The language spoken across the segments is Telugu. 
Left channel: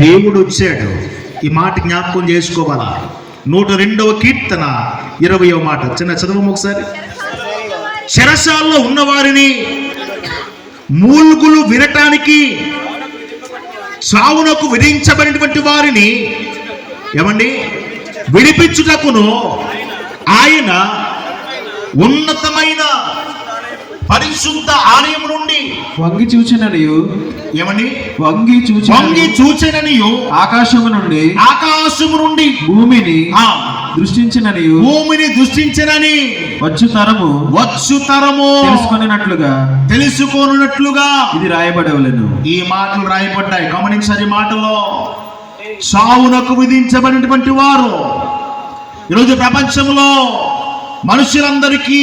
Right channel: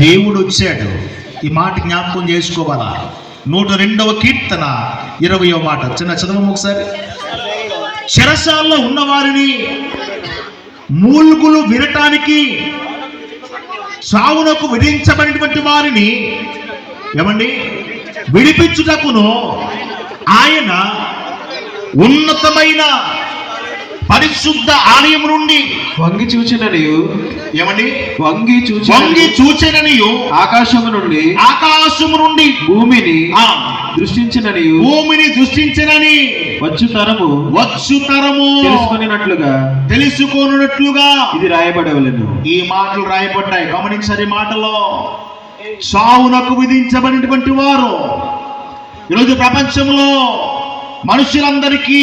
దేవుడు వచ్చాడు. ఈ మాట జ్ఞాపకం చేసుకోవాలా. 102వ కీర్తన 20వ మాట చిన్న చదవము ఒకసారి. చెరసాల్లో ఉన్న వారిని మూల్గులు వినటానికి సావునకు విధించబడినటువంటి వారిని ఏమండి విడిపించుటకును ఆయన ఉన్నతమైన పరిశుద్ధ ఆలయం నుండి వంగి చూచిననియు ఏమండి వంగి చూచిననియు ఆకాశము నుండి భూమిని దృష్టించినని వచ్చు తరము తెలుసుకొనున్నట్లుగా ఇది రాయబడవలెను. ఈ మాటలు రాయబడ్డాయి. గమనించారు. ఈ మాటలో సావునకు విధించబడినటువంటి వారు ఈరోజు ప్రపంచంలో మనుషులందరికీ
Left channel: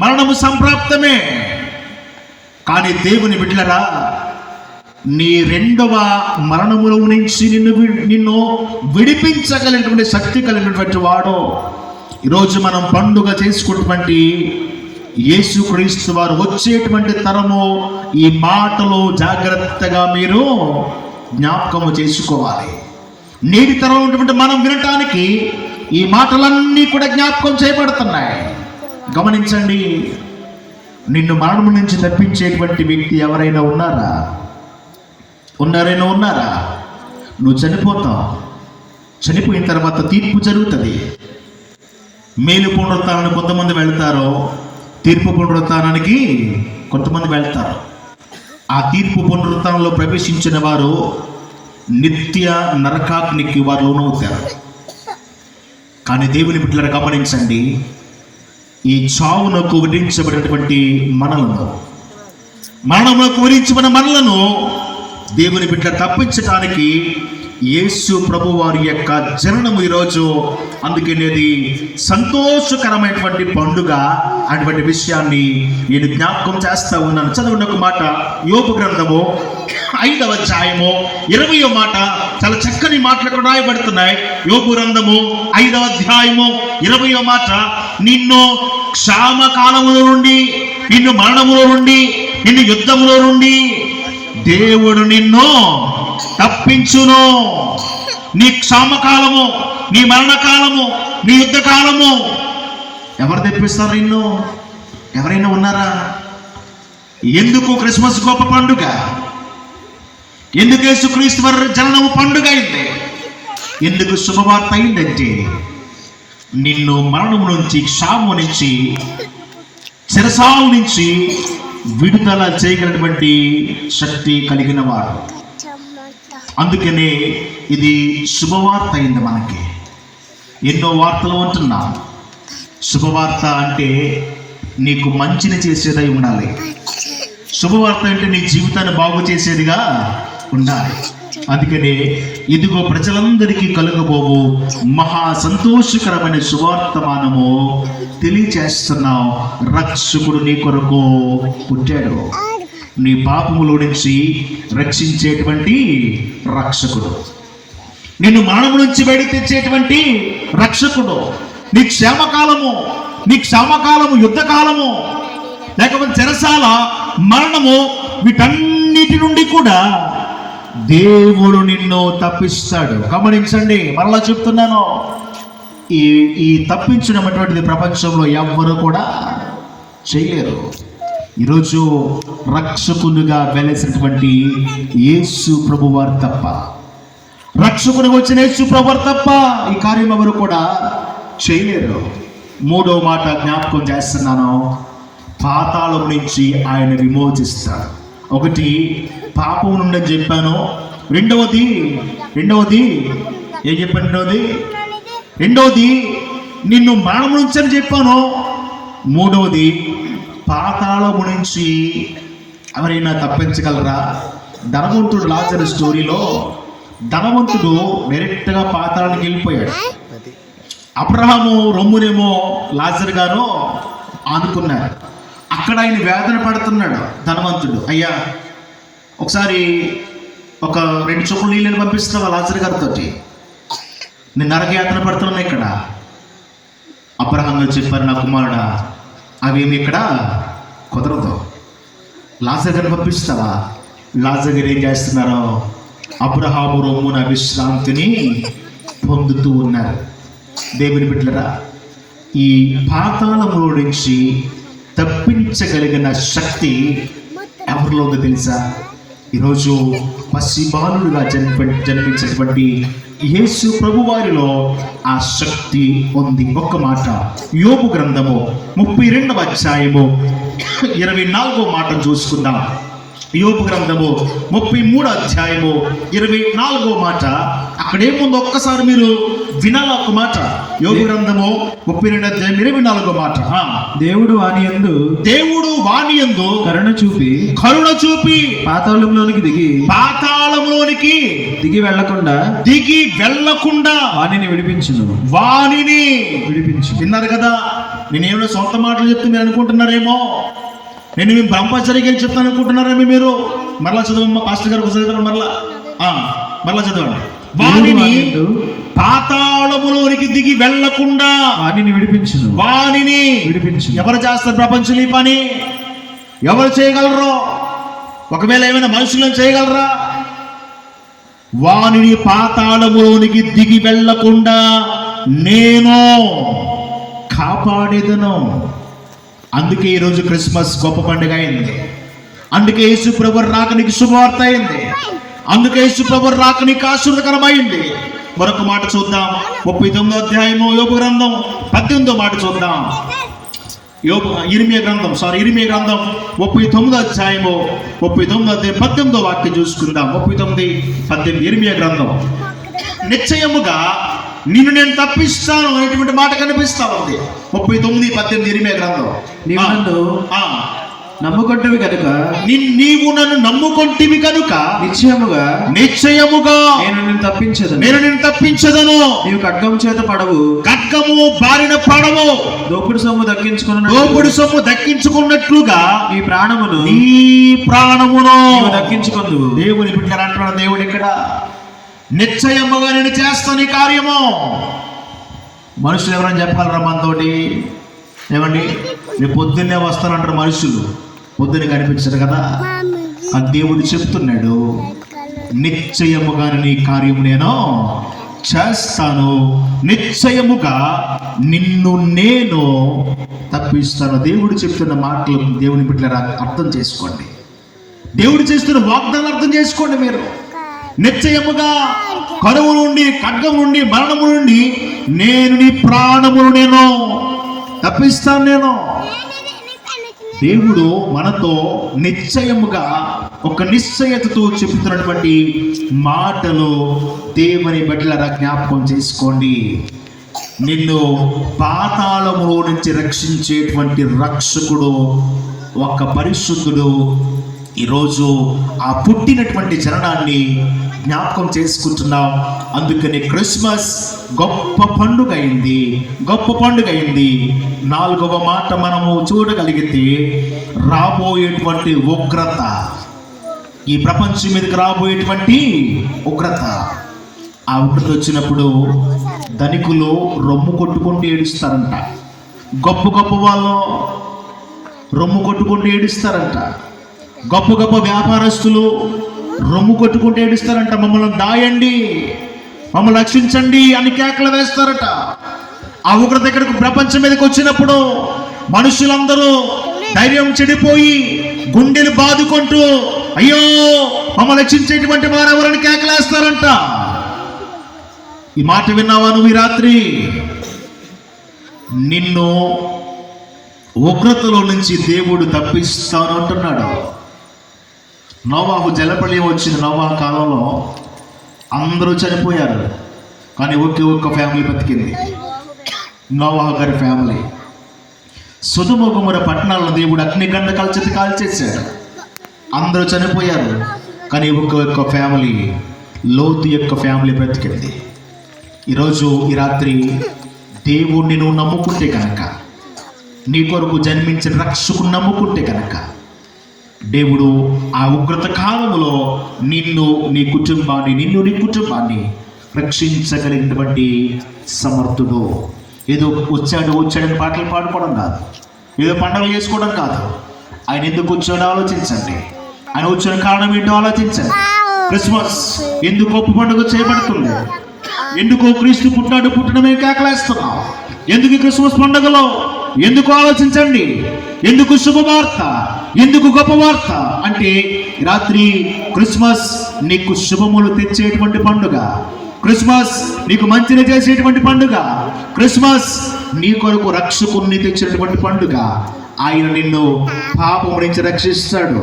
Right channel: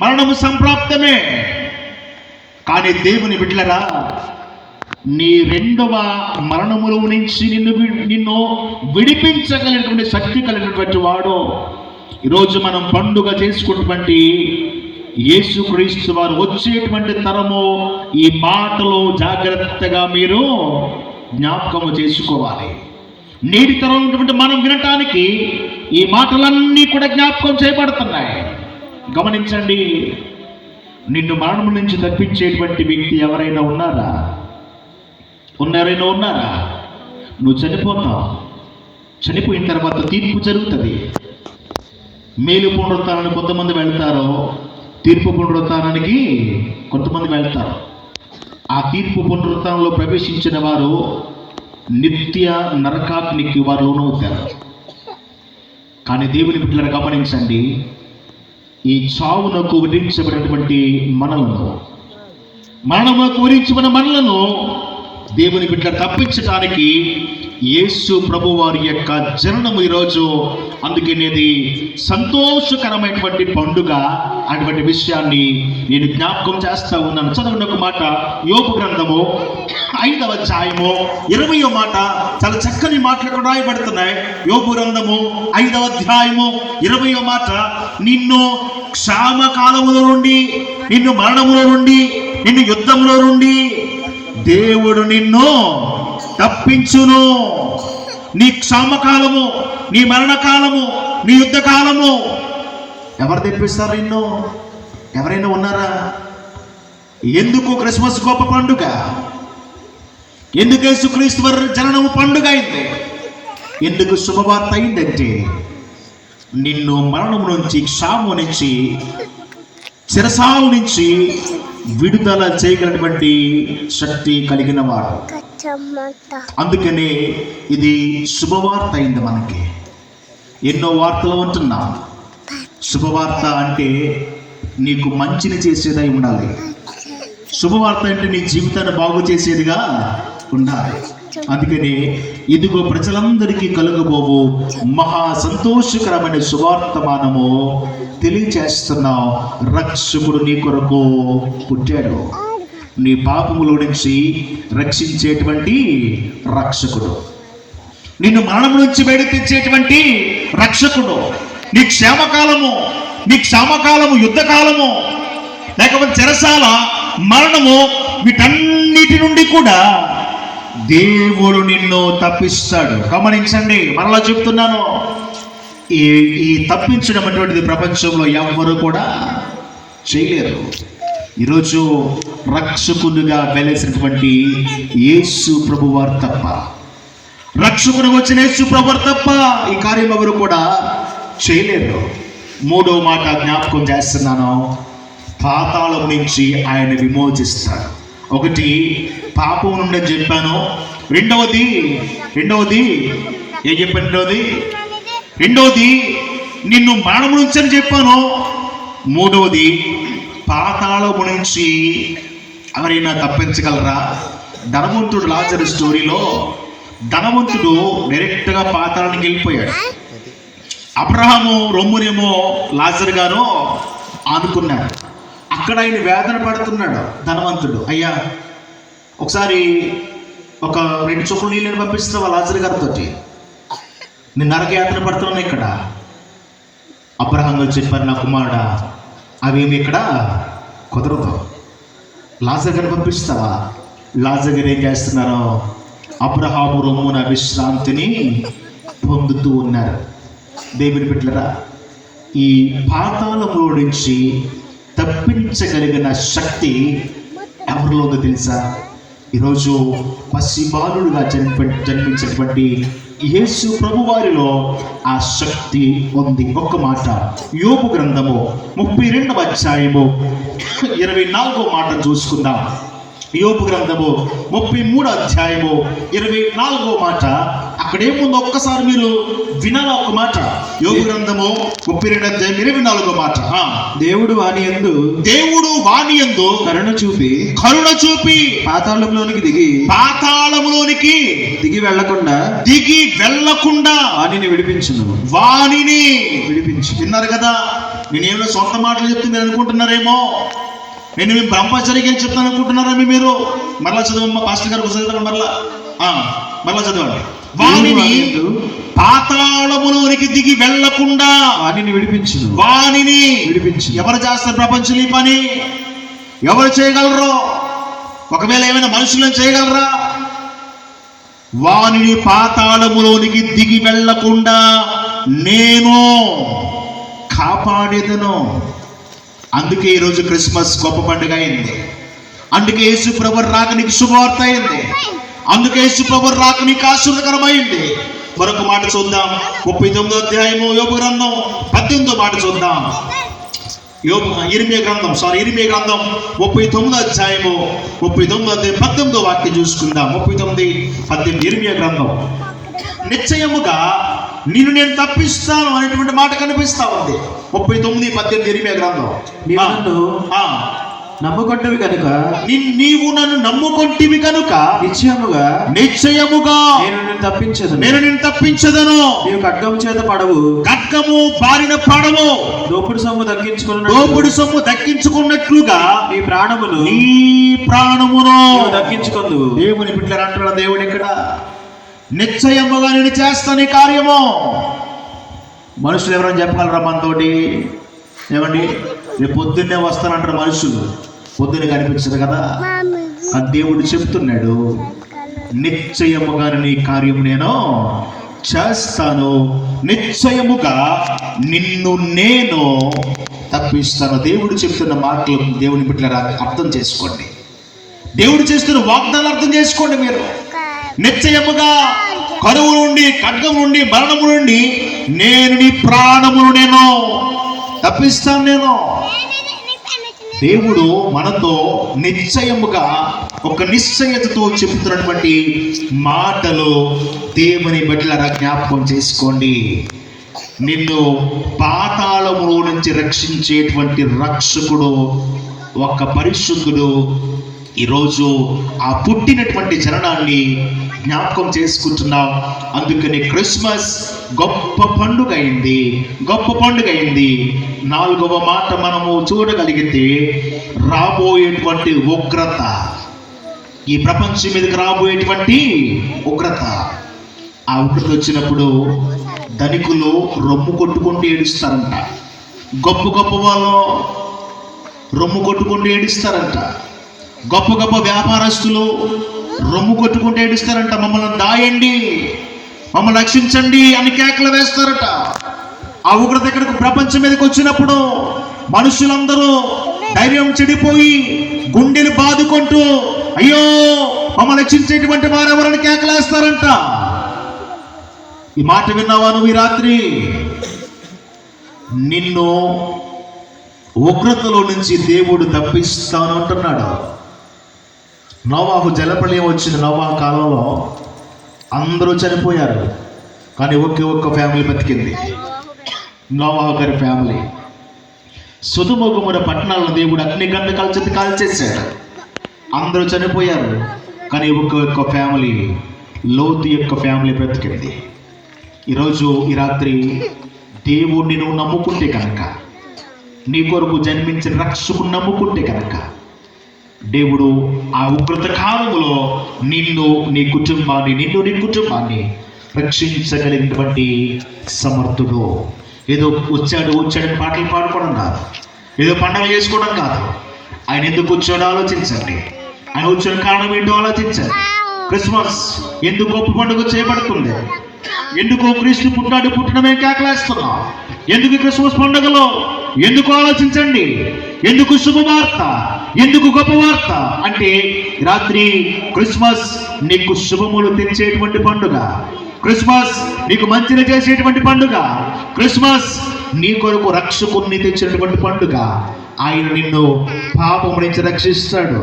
మరణము సంప్రాప్తమే. కానీ దేవుని బిడ్డలరా, నీ రెండవ మరణముల నుంచి నిన్ను విడిపించగలిగినటువంటి శక్తి కలిగినటువంటి వాడు ఈరోజు మనం పండుగ చేసుకున్నటువంటి యేసుక్రీస్తు వారు వచ్చేటువంటి తరము. ఈ మాటలు జాగ్రత్తగా మీరు జ్ఞాపకము చేసుకోవాలి. నేటి తరం ఉన్నటువంటి మనం వినటానికి ఈ మాటలన్నీ కూడా జ్ఞాపకం చేయబడుతున్నాయి. గమనించండి. నిన్ను మరణం నుంచి తప్పించేటువంటి వ్యక్తి ఎవరైనా ఉన్నారా? నువ్వు చనిపోతావు. చనిపోయిన తర్వాత తీర్పు జరుగుతుంది. మేలు పునరుత్థానానికి కొంతమంది వెళ్తారు, తీర్పు పునరుత్థానానికి కొంతమంది వెళ్తారు. ఆ తీర్పు పునరుత్థానంలో ప్రవేశించిన వారు నిత్య నరకాగ్నికి వారు లోనవుతారు. కానీ దేవుని బిడ్డలను గమనించండి. ఈ చావునకు విధించబడినటువంటి మరణమునకు విధించబడిన మనలను దేవుని బిడ్డ తప్పించడానికి యేసు ప్రభు వారి యొక్క జననము ఈరోజు. అందుకనేది సంతోషకరమైనటువంటి పండుగ అటువంటి విషయాన్ని నేను జ్ఞాపకం చేస్తా ఉన్నాను. చదవండి ఒక మాట. యోబు గ్రంథము 5వ అధ్యాయము 20వ మాట. చాలా చక్కని మాటలు రాయబడుతున్నాయి. యోబు గ్రంథము 5వ అధ్యాయము 20వ మాట. నిన్ను క్షామకాలముల నుండి, నిన్ను మరణములో నుండి, నిన్ను యుద్ధములో నుండి దేవుడు నిన్ను తప్పించును. నీ క్షామకాలము, నీ మరణకాలము, నీ యుద్ధ కాలము ఎవరు తెప్పిస్తారు నిన్ను? ఎవరైనా ఉన్నారా? ఎందుకు క్రిస్మస్ గొప్ప పండుగ? ఎందుకు యేసుక్రీస్తు వారి జననము పండుగ అయింది? ఎందుకు శుభవార్త అయిందంటే నిన్ను మరణం నుంచి, క్షామం నుంచి, చెరసాల నుంచి విడుదల చేయగలిగినటువంటి శక్తి కలిగిన వాడు. అందుకనే ఇది శుభవార్త అయింది. మనకి ఎన్నో వార్తలు ఉంటున్నాం. శుభవార్త అంటే నీకు మంచిని చేసేదై ఉండాలి. శుభవార్త అంటే నీ జీవితాన్ని బాగు చేసేదిగా ఉండాలి. అందుకనే ఇదిగో ప్రజలందరికీ కలుగబోవు మహా సంతోషకరమైన సువార్తమానము తెలియచేస్తున్నావు. రక్షకుడు నీ కొరకు పుట్టాడు. నీ పాపముల నుంచి రక్షించేటువంటి రక్షకుడు, నిన్ను మరణం నుంచి బయట తెచ్చేటువంటి రక్షకుడు. నీ క్షామకాలము, యుద్ధకాలము, లేకపోతే చెరసాల, మరణము, వీటన్నిటి నుండి కూడా దేవుడు నిన్ను తప్పిస్తాడు. గమనించండి. మరలా చెప్తున్నాను. ఈ తప్పించడం అటువంటిది ప్రపంచంలో ఎవ్వరూ కూడా చేయలేరు. ఈరోజు రక్షకునిగా వెలిసినటువంటి యేసు ప్రభువారు తప్ప, రక్షకునిగా వచ్చిన యేసు ప్రభువారు తప్ప ఈ కార్యం ఎవరు కూడా చేయలేరు. 3వ మాట జ్ఞాపకం చేస్తున్నాను. పాతాళం నుంచి ఆయన విమోచిస్తాడు. ఒకటి పాపం నుండి చెప్పాను. రెండవది ఏం చెప్పాను? రెండవది నిన్ను మరణం నుంచి అని చెప్పాను. మూడవది పాతాళము నుంచి ఎవరైనా తప్పించగలరా? ధనవంతుడు లాజరు స్టోరీలో ధనవంతుడు డైరెక్ట్గా పాతాళానికి వెళ్ళిపోయాడు. అబ్రహాము రొమ్మునేమో లాజరు గారు ఆనుకున్నాడు. అక్కడ ఆయన వేదన పడుతున్నాడు ధనవంతుడు. అయ్యా, ఒకసారి ఒక 2 చుక్కలు నీళ్ళని పంపిస్తున్నావా లాజరు గారితో? నేను నరకయాత్ర పడుతున్నాను ఇక్కడ. అబ్రహాం గారు చెప్పారు, నా కుమారుడా, అవేమి ఇక్కడ కుదరదు. లాజరు గారు పంపిస్తావా? లాజరు గారు ఏం చేస్తున్నారో అబ్రహాము రొమ్మున విశ్రాంతిని పొందుతూ ఉన్నారు. దేవుని బిడ్డలారా, ఈ పాతాళములో నుంచి తప్పించగలిగిన శక్తి ఎవరిలో ఉందో తెలుసా? ఈరోజు పసిబాలుడుగా జన్మించినటువంటి యేసు ప్రభు వారిలో ఆ శక్తి ఉంది. ఒక్క మాట, యోబు గ్రంథము 32వ అధ్యాయము 24వ మాట చూసుకుందాం. యోబు గ్రంథము 33వ అధ్యాయము 24వ మాట. అక్కడేముందో ఒక్కసారి మీరు వినాల. ఒక మాట, యోబు గ్రంథము 32వ అధ్యాయం 24వ మాట. దేవుడు వాని యందు కరుణ చూపి పాతాళంలోనికి దిగి వెళ్ళకుండా వానిని విడిపించు. విన్నారు కదా? నేనేమో సొంత మాటలు చెప్తున్నాను అనుకుంటున్నారేమో, నేను బ్రహ్మచర్యకి చెప్తాను అనుకుంటున్నారా మీరు? మరలా చదవమ్మా, పాస్టర్ గారు చదువు. మరలా చదవండి. వానిని పాతాళములోనికి దిగి వెళ్ళకుండా వానిని విడిపించు. ఎవరు చేస్తారు ప్రపంచంలో ఈ పని? ఎవరు చేయగలరు? ఒకవేళ ఏమైనా మనుషులను చేయగలరా? వానిని పాతాళములోనికి దిగి వెళ్ళకుండా నేను కాపాడేదను. అందుకే ఈరోజు క్రిస్మస్ గొప్ప పండుగ అయింది. అందుకే యేసు ప్రభు రాక నీకు శుభవార్త అయింది. అందుకే యేసు ప్రభు రాక నీకు ఆశీర్వదకరమైంది. మరొక మాట చూద్దాం. 39వ అధ్యాయము యోబు గ్రంథం 18వ మాట చూద్దాం. ఇర్మియా గ్రంథం 39వ అధ్యాయము 18వ వాక్యం చూసుకుందాం. 39:18 ఇర్మియా గ్రంథం. నిశ్చయముగా నిన్ను నేను తప్పిస్తాను అనేటువంటి మాట కనిపిస్తా ఉంది. 39:18 ఇర్మియా గ్రంథం. నమ్ముకొంటివి కనుక నీవు నన్ను నమ్ముకొంటివి కనుక నిశ్చయముగా నేను నిన్ను తప్పించదను. నీవు ఖడ్గము చేత పడవు, ఖడ్గము బారిన పడవు. దోపుడు సొమ్ము దక్కించుకున్నట్లుగా నీ ప్రాణమును దక్కించుకుందు. దేవుని బిడ్డలు అంటున్నాడు దేవుడు ఇక్కడ, నిశ్చయముగా నేను చేస్తాను ఈ కార్యము. మనుషులు ఎవరైనా చెప్పాలరా మనతోటి? ఏమండి, రేపు పొద్దున్నే వస్తానంటారు మనుషులు, పొద్దున్నే కనిపించరు కదా. ఆ దేవుడు చెప్తున్నాడు, నిశ్చయముగా నీ కార్యం నేను చేస్తాను, నిశ్చయముగా నిన్ను నేను తప్పిస్తాను. దేవుడు చెప్తున్న మాటలు దేవుని బిడ్డలారా అర్థం చేసుకోండి. దేవుడు చేస్తున్న వాగ్దానాలు అర్థం చేసుకోండి. మీరు నిశ్చయముగా కరువు నుండి, ఖడ్గం నుండి, మరణము నుండి నేను నీ ప్రాణమును నేను తప్పిస్తాను. నేను దేవుడు మనతో నిశ్చయముగా ఒక నిశ్చయతతో చెబుతున్నటువంటి మాటలు దేవుని బిడ్డలారా జ్ఞాపకం చేసుకోండి. నిన్ను పాతాళములో నుంచి రక్షించేటువంటి రక్షకుడు, ఒక పరిశుద్ధుడు ఈరోజు ఆ పుట్టినటువంటి జననాన్ని జ్ఞాపకం చేసుకుంటున్నాం. అందుకని క్రిస్మస్ గొప్ప పండుగ అయింది. 4వ మాట మనము చూడగలిగితే, రాబోయేటువంటి ఉగ్రత, ఈ ప్రపంచం మీదకి రాబోయేటువంటి ఉగ్రత. ఆ ఉగ్రత వచ్చినప్పుడు ధనికులు రొమ్ము కొట్టుకుంటూ ఏడుస్తారంట. గొప్ప వాళ్ళు రొమ్ము కొట్టుకుంటూ ఏడుస్తారంట. గొప్ప వ్యాపారస్తులు రొమ్ము కొట్టుకుంటూ ఏడుస్తారంట. మమ్మల్ని దాయండి, మమ్మల్ని రక్షించండి అని కేకలు వేస్తారట. ఆ ఉగ్రత ఇక్కడికి ప్రపంచం మీదకి వచ్చినప్పుడు మనుషులందరూ ధైర్యం చెడిపోయి గుండెలు బాదుకుంటూ, అయ్యో మమ్మల్ని రక్షించేటువంటి వారు ఎవరని కేకలేస్తారంట. ఈ మాట విన్నావా నువ్వు ఈ రాత్రి? నిన్ను ఉగ్రతలో నుంచి దేవుడు తప్పిస్తాను అంటున్నాడు. నోవాహు జలప్రళయం వచ్చింది. నోవాహు కాలంలో అందరూ చనిపోయారు, కానీ ఒక్క ఫ్యామిలీ బతికింది, నోవాహు గారి ఫ్యామిలీ. సొదొమ గొమొర్రా పట్టణాలను దేవుడు అగ్నిగంధకాల చేత కాల్చేశాడు. అందరూ చనిపోయారు, కానీ ఒక్క ఫ్యామిలీ, లోతు యొక్క ఫ్యామిలీ బ్రతికింది. ఈరోజు ఈ రాత్రి దేవుణ్ణి నువ్వు నమ్ముకుంటే కనుక, నీ కొరకు జన్మించిన రక్షకుని నమ్ముకుంటే కనుక, దేవుడు ఆ ఉగ్రత కాలంలో నిన్ను నీ కుటుంబాన్ని రక్షించగలిగినటువంటి సమర్థుడు. ఏదో వచ్చాడని పాటలు పాడుకోవడం కాదు, ఏదో పండుగలు చేసుకోవడం కాదు. ఆయన ఎందుకు వచ్చాడో ఆలోచించండి. ఆయన వచ్చిన కారణం ఏంటో ఆలోచించండి. క్రిస్మస్ ఎందుకు గొప్ప పండుగ చేయబడుతుంది? ఎందుకు క్రీస్తు పుట్టడమే కేకలేస్తున్నాం? ఎందుకు ఈ క్రిస్మస్ పండుగలో? ఎందుకు ఆలోచించండి. ఎందుకు శుభవార్త? ఎందుకు గొప్ప వార్త అంటే రాత్రి క్రిస్మస్ నీకు శుభములు తెచ్చేటువంటి పండుగ. క్రిస్మస్ నీకు మంచిని చేసేటువంటి పండుగ. క్రిస్మస్ నీ కొరకు రక్షకుని తెచ్చినటువంటి పండుగ. ఆయన నిన్ను పాపం నుంచి రక్షిస్తాడు.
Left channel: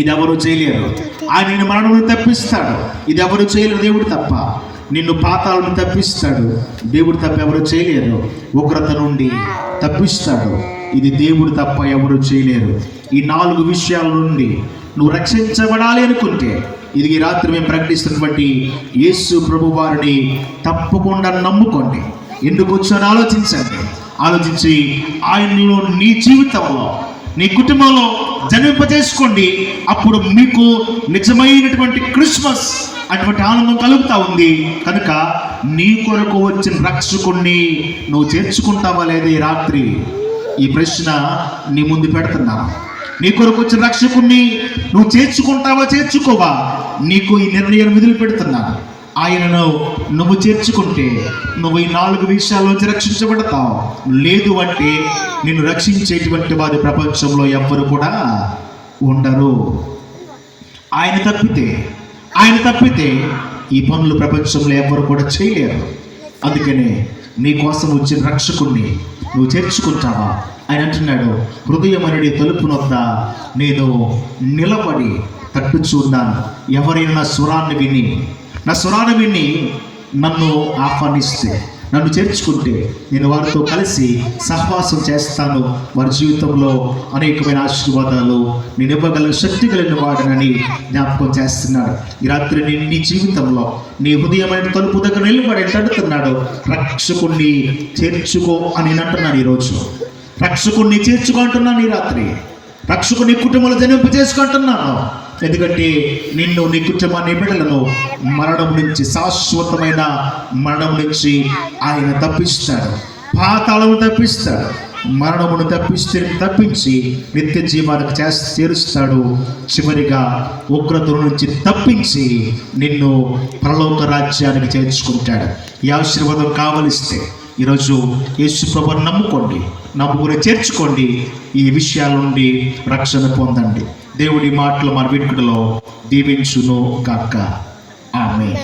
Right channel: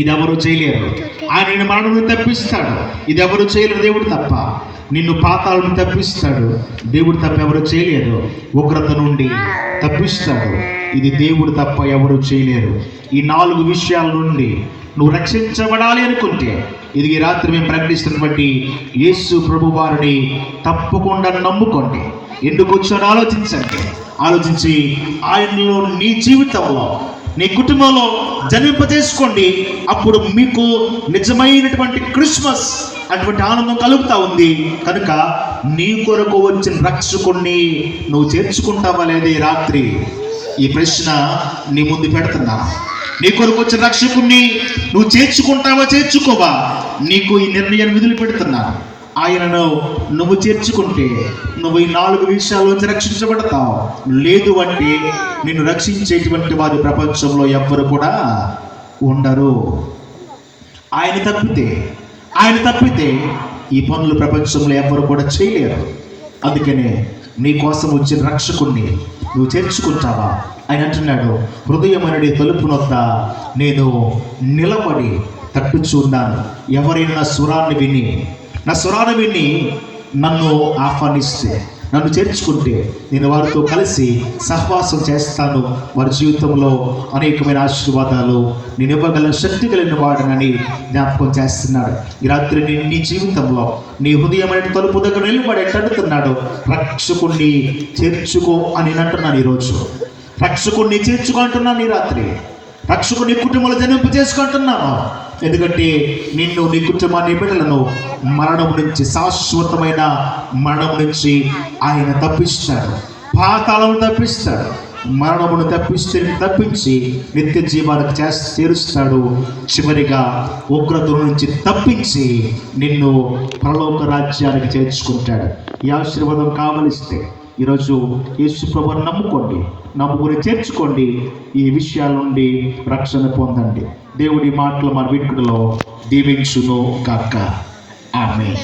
ఇది ఎవరు చేయలేరు. ఆయన నిన్ను మరణం నుండి తప్పిస్తాడు. ఇది ఎవరు చేయలేరు, దేవుడు తప్ప. నిన్ను పాతాలను తప్పిస్తాడు, దేవుడు తప్ప ఎవరు చేయలేరు. ఉగ్రత నుండి తప్పిస్తాడు, ఇది దేవుడు తప్ప ఎవరు చేయలేరు. ఈ 4 విషయాల నుండి నువ్వు రక్షించబడాలి అనుకుంటే ఇది ఈ రాత్రి మేము ప్రకటిస్తున్నటువంటి యేసు ప్రభు వారిని తప్పకుండా నమ్ముకోండి. ఎందుకు వచ్చాడో ఆలోచించండి. ఆలోచించి ఆయనలో నీ జీవితంలో నీ కుటుంబంలో జన్మింపజేసుకోండి. అప్పుడు మీకు నిజమైనటువంటి క్రిస్మస్ అటువంటి ఆనందం కలుగుతా ఉంది. కనుక నీ కొరకు వచ్చిన రక్షకుణ్ణి నువ్వు చేర్చుకుంటావా లేదా? ఈ రాత్రి ఈ ప్రశ్న నీ ముందు పెడుతున్నా. నీ కొరకు వచ్చిన రక్షకుణ్ణి నువ్వు చేర్చుకుంటావా, చేర్చుకోవా? నీకు ఈ నిర్ణయాన్ని విధులు పెడుతున్నా. ఆయనను నువ్వు చేర్చుకుంటే నువ్వు ఈ 4 విషయాల్లోంచి రక్షించబడతావు. లేదు అంటే నిన్ను రక్షించేటువంటి వారి ప్రపంచంలో ఎవ్వరు కూడా ఉండరు. ఆయన తప్పితే ఈ పనులు ప్రపంచంలో ఎవ్వరు కూడా చేయలేరు. అందుకనే నీ కోసం వచ్చిన రక్షకుణ్ణి నువ్వు చేర్చుకుంటావా? ఆయన అంటున్నాడు, హృదయమనడి తలుపు నొద్ద నేను నిలబడి తట్టుచున్నాను. ఎవరైనా నా స్వరాన్ని విని నన్ను ఆహ్వానిస్తే, నన్ను చేర్చుకుంటే నేను వారితో కలిసి సహవాసం చేస్తాను. వారి జీవితంలో అనేకమైన ఆశీర్వాదాలు నేను ఇవ్వగల శక్తి కలిగిన వాడనని జ్ఞాపకం చేస్తున్నాడు. ఈ రాత్రి నేను నీ జీవితంలో నీ హృదయమైన తలుపు దగ్గర నిలబడి అడుగుతున్నాడు, రక్షకుణ్ణి చేర్చుకో అని నేను అంటున్నాను. ఈరోజు రక్షకుణ్ణి చేర్చుకో అంటున్నాను. ఈ రాత్రి రక్షకుని కుటుంబంలో జన్మింప చేసుకుంటున్నాను. ఎందుకంటే నిన్ను, నీ కుటుంబాన్ని, బిడ్డలను మరణం నుంచి, శాశ్వతమైన మరణం నుంచి ఆయన తప్పిస్తాడు. పాతాళము తప్పిస్తాడు. మరణమును తప్పించి నిత్య జీవానికి చేరుస్తాడు. చివరిగా ఉగ్రత నుంచి తప్పించి నిన్ను పరలోక రాజ్యానికి చేర్చుకుంటాడు. ఈ ఆశీర్వాదం కావలిస్తే ఈరోజు యేసు ప్రభువుని నమ్ముకుని చేర్చుకోండి. ఈ విషయాల నుండి రక్షణ పొందండి. దేవుడి మాటలు మన వినికిడిలో దీవించును గాక. ఆమేన్.